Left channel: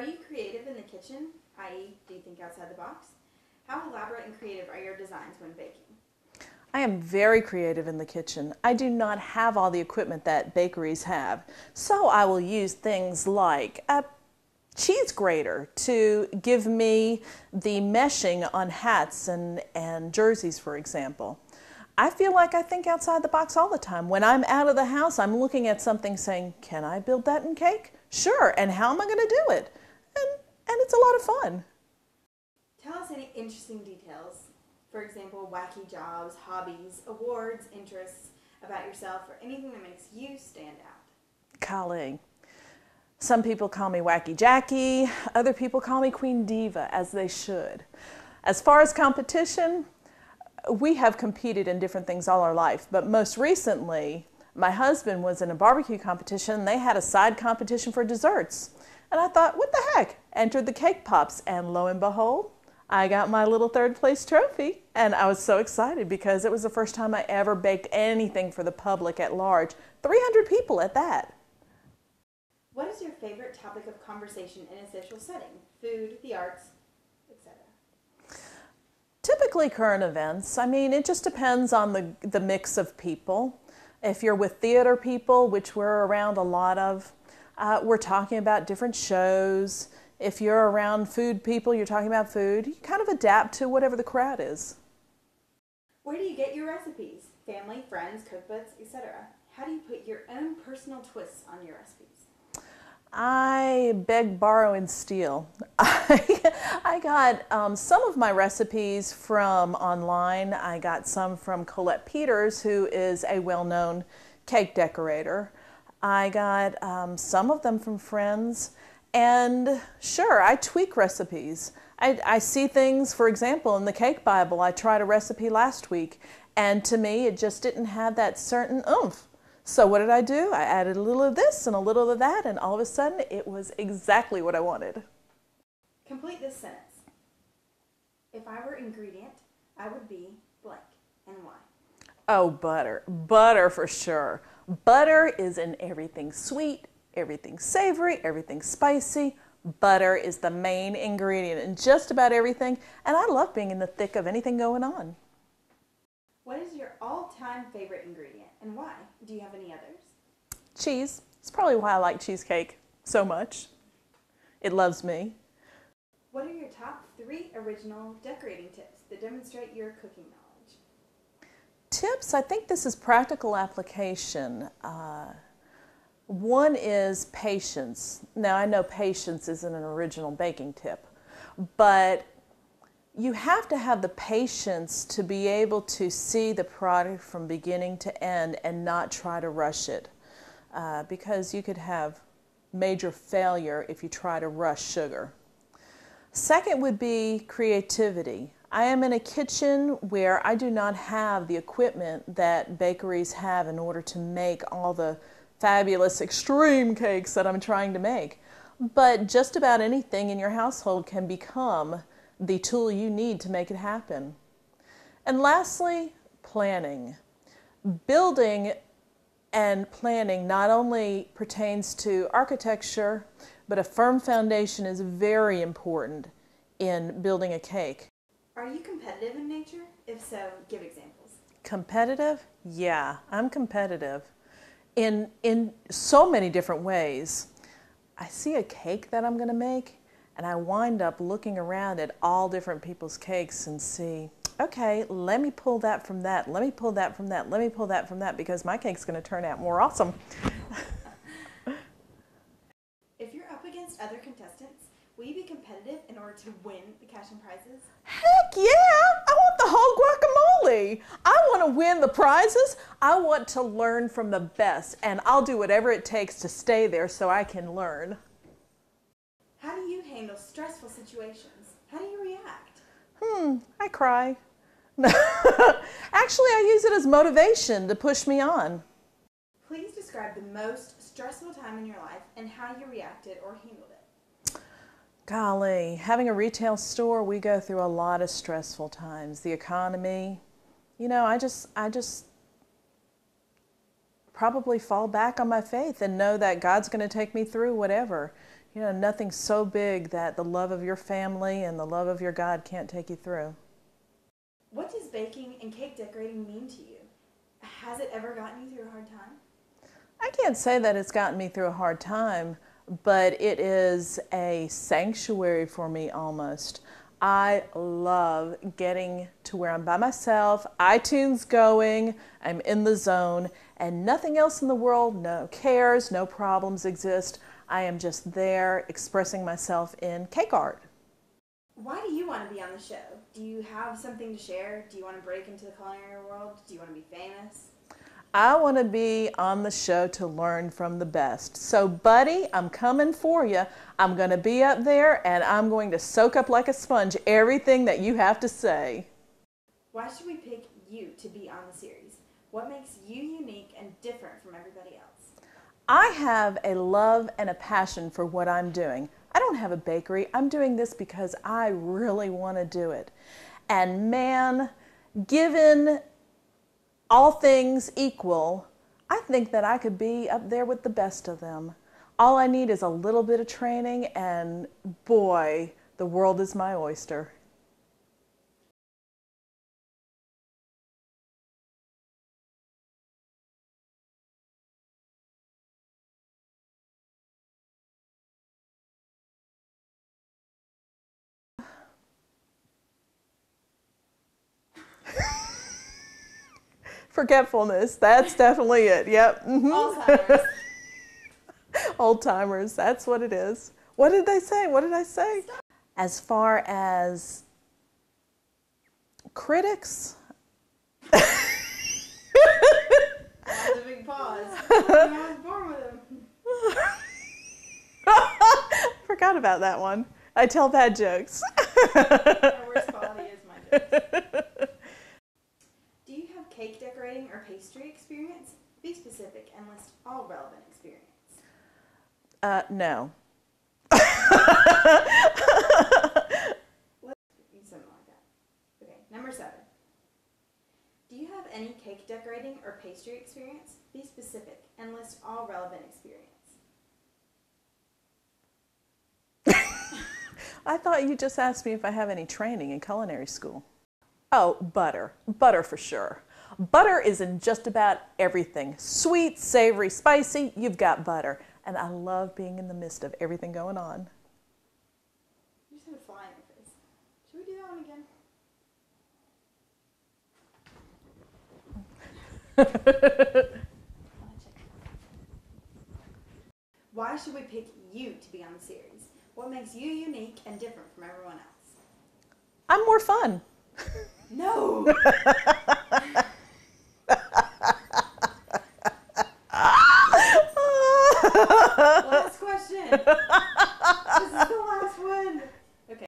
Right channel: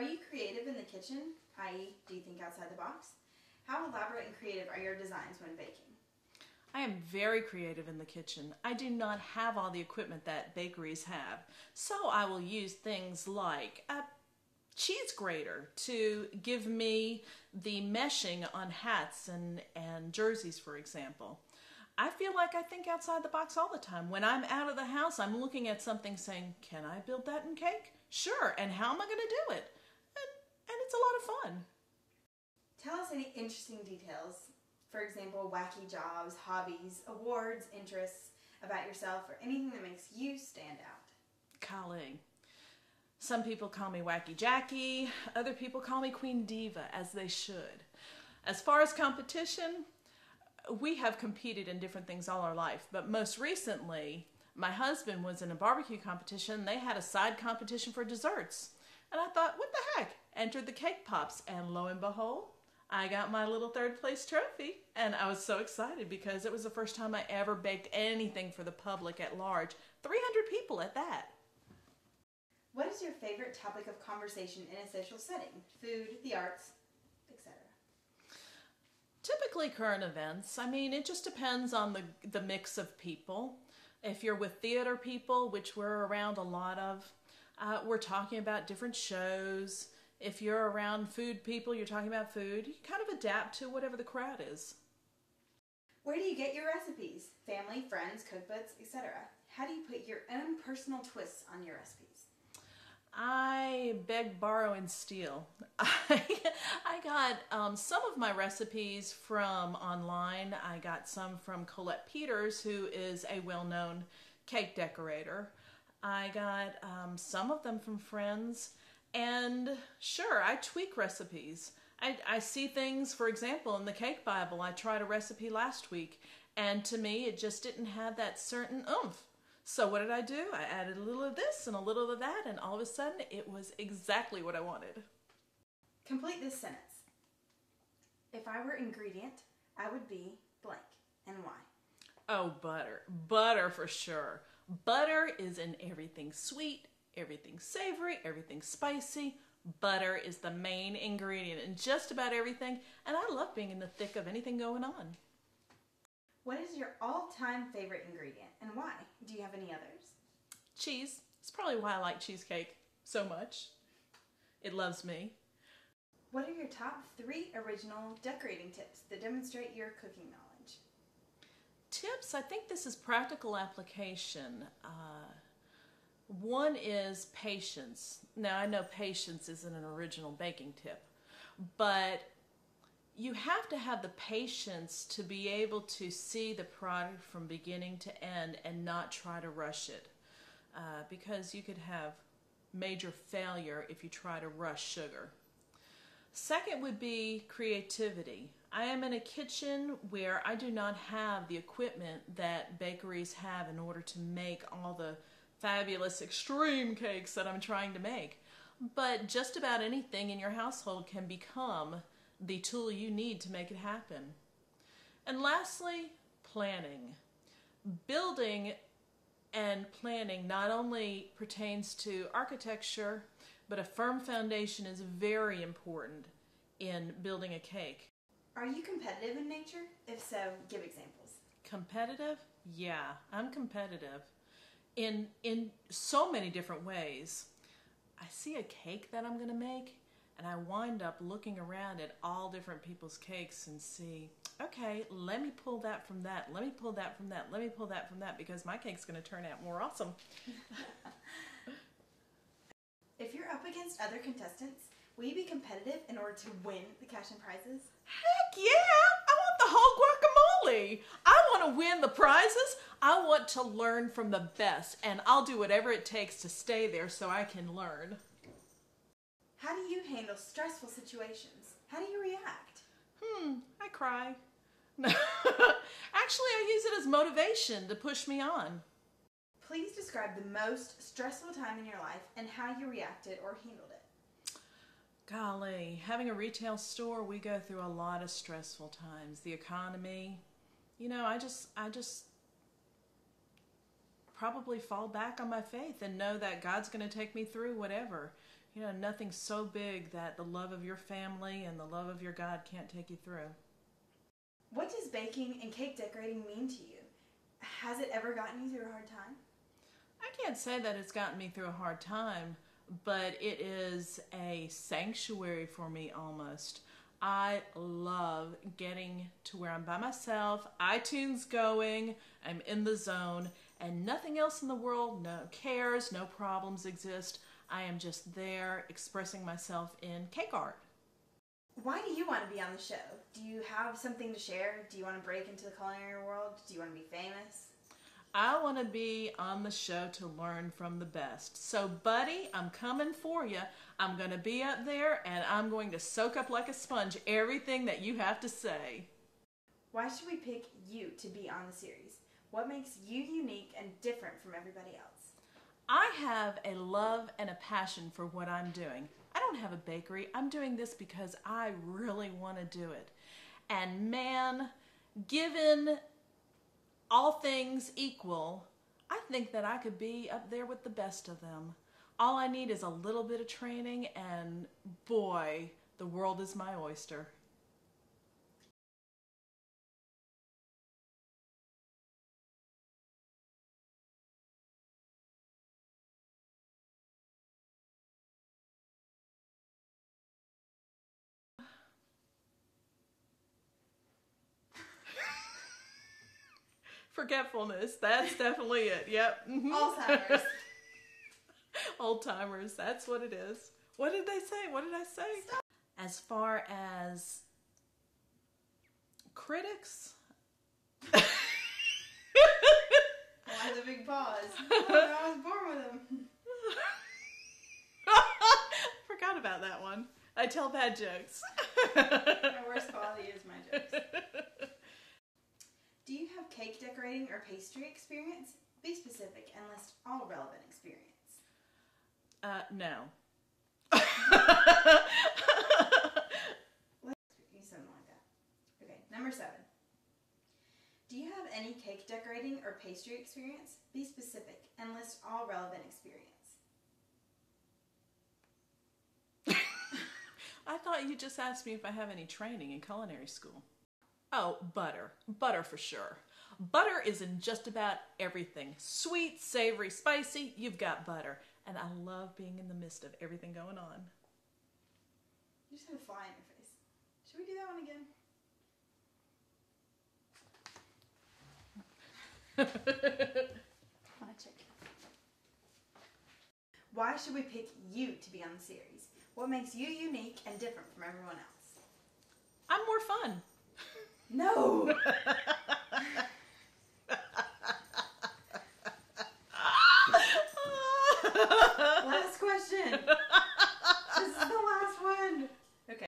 Are you creative in the kitchen, i.e., do you think outside the box? How elaborate and creative are your designs when baking? I am very creative in the kitchen. I do not have all the equipment that bakeries have, so I will use things like a cheese grater to give me the meshing on hats and jerseys, for example. I feel like I think outside the box all the time. When I'm out of the house, I'm looking at something saying, can I build that in cake? Sure, and how am I going to do it? And it's a lot of fun. Tell us any interesting details. For example, wacky jobs, hobbies, awards, interests about yourself, or anything that makes you stand out. Golly. Some people call me Wacky Jackie. Other people call me Queen Diva, as they should. As far as competition, we have competed in different things all our life, but most recently, my husband was in a barbecue competition. They had a side competition for desserts. And I thought, what the heck? Entered the cake pops, and lo and behold, I got my little third place trophy. And I was so excited because it was the first time I ever baked anything for the public at large. 300 people at that. What is your favorite topic of conversation in a social setting? Food, the arts, etc. Typically current events. I mean, it just depends on the mix of people. If you're with theater people, which we're around a lot of, we're talking about different shows. If you're around food people, you're talking about food. You kind of adapt to whatever the crowd is. Where do you get your recipes? Family, friends, cookbooks, etc. How do you put your own personal twists on your recipes? I beg, borrow, and steal. I got some of my recipes from online. I got some from Colette Peters, who is a well-known cake decorator. I got some of them from friends. And sure, I tweak recipes. I see things, for example, in the Cake Bible. I tried a recipe last week, and to me, it just didn't have that certain oomph. So what did I do? I added a little of this and a little of that, and all of a sudden, it was exactly what I wanted. Complete this sentence. If I were ingredient, I would be blank, and why? Oh, butter. Butter for sure. Butter is in everything sweet, everything savory, everything spicy. Butter is the main ingredient in just about everything, and I love being in the thick of anything going on. What is your all-time favorite ingredient, and why? Do you have any others? Cheese. It's probably why I like cheesecake so much. It loves me. What are your top 3 original decorating tips that demonstrate your cooking knowledge? Tips, I think this is practical application. One is patience. Now, I know patience isn't an original baking tip, but you have to have the patience to be able to see the product from beginning to end and not try to rush it, because you could have major failure if you try to rush sugar. Second would be creativity. I am in a kitchen where I do not have the equipment that bakeries have in order to make all the fabulous extreme cakes that I'm trying to make. But just about anything in your household can become the tool you need to make it happen. And lastly, planning. Building and planning not only pertains to architecture, but a firm foundation is very important in building a cake. Are you competitive in nature? If so, give examples. Competitive? Yeah, I'm competitive in so many different ways. I see a cake that I'm going to make, and I wind up looking around at all different people's cakes and see, okay, let me pull that from that, let me pull that from that, let me pull that from that, because my cake's going to turn out more awesome. If you're up against other contestants, will you be competitive in order to win the cash and prizes? Heck yeah! I want the whole guacamole. I want to win the prizes. I want to learn from the best, and I'll do whatever it takes to stay there so I can learn. How do you handle stressful situations? How do you react? I cry. Actually, I use it as motivation to push me on. Please describe the most stressful time in your life and how you reacted or handled it. Golly, having a retail store, we go through a lot of stressful times. The economy, I just probably fall back on my faith and know that God's going to take me through whatever. You know, nothing so big that the love of your family and the love of your God can't take you through. What does baking and cake decorating mean to you? Has it ever gotten you through a hard time? I can't say that it's gotten me through a hard time, but it is a sanctuary for me almost. I love getting to where I'm by myself, iTunes going, I'm in the zone, and nothing else in the world, no cares, no problems exist. I am just there expressing myself in cake art. Why do you want to be on the show? Do you have something to share? Do you want to break into the culinary world? Do you want to be famous? I want to be on the show to learn from the best. So, buddy, I'm coming for you. I'm going to be up there, and I'm going to soak up like a sponge everything that you have to say. Why should we pick you to be on the series? What makes you unique and different from everybody else? I have a love and a passion for what I'm doing. I don't have a bakery. I'm doing this because I really want to do it. And man, given all things equal, I think that I could be up there with the best of them. All I need is a little bit of training, and boy, the world is my oyster. Forgetfulness, that's definitely it. Yep. Mm-hmm. Alzheimer's. Old timers, that's what it is. What did they say? What did I say? Stop. As far as critics, That's a big pause. I was born with him. forgot about that one. I tell bad jokes. My worst quality is my jokes. Do you have cake decorating or pastry experience? Be specific and list all relevant experience. No. Let's do something like that. Okay, number 7. Do you have any cake decorating or pastry experience? Be specific and list all relevant experience. I thought you just asked me if I have any training in culinary school. Oh, butter. Butter for sure. Butter is in just about everything. Sweet, savory, spicy, you've got butter. And I love being in the midst of everything going on. You just had a fly in your face. Should we do that one again? Why should we pick you to be on the series? What makes you unique and different from everyone else? I'm more fun. No! Last question.